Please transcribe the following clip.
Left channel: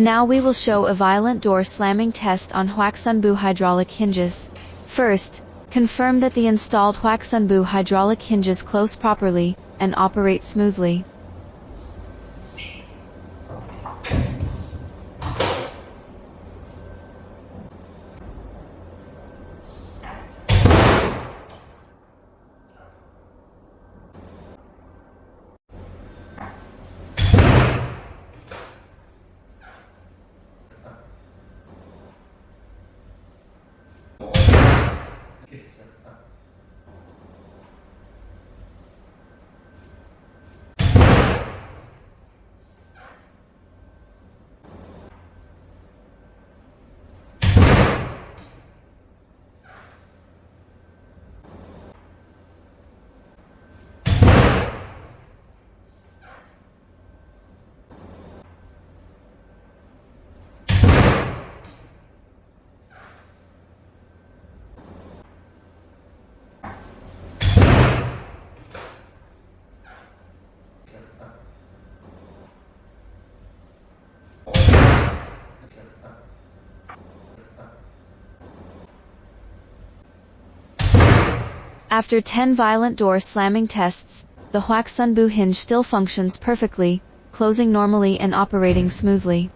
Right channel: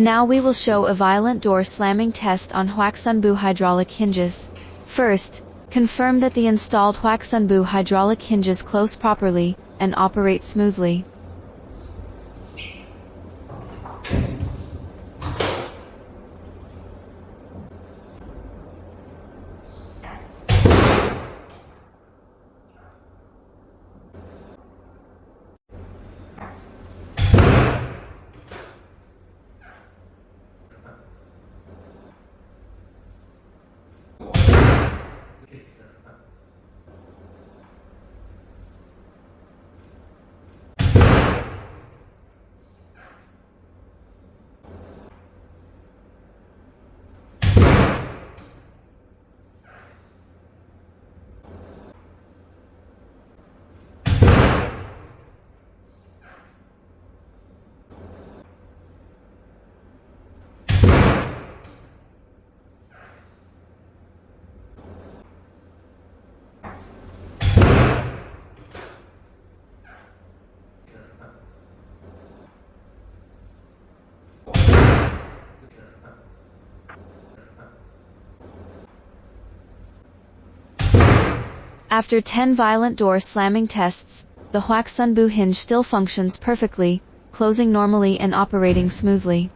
Now we will show a violent door slamming test on Huaxunbu hydraulic hinges. First, confirm that the installed Huaxunbu hydraulic hinges close properly and operate smoothly. After 10 violent door slamming tests, the Huaxunbu hinge still functions perfectly, closing normally and operating smoothly.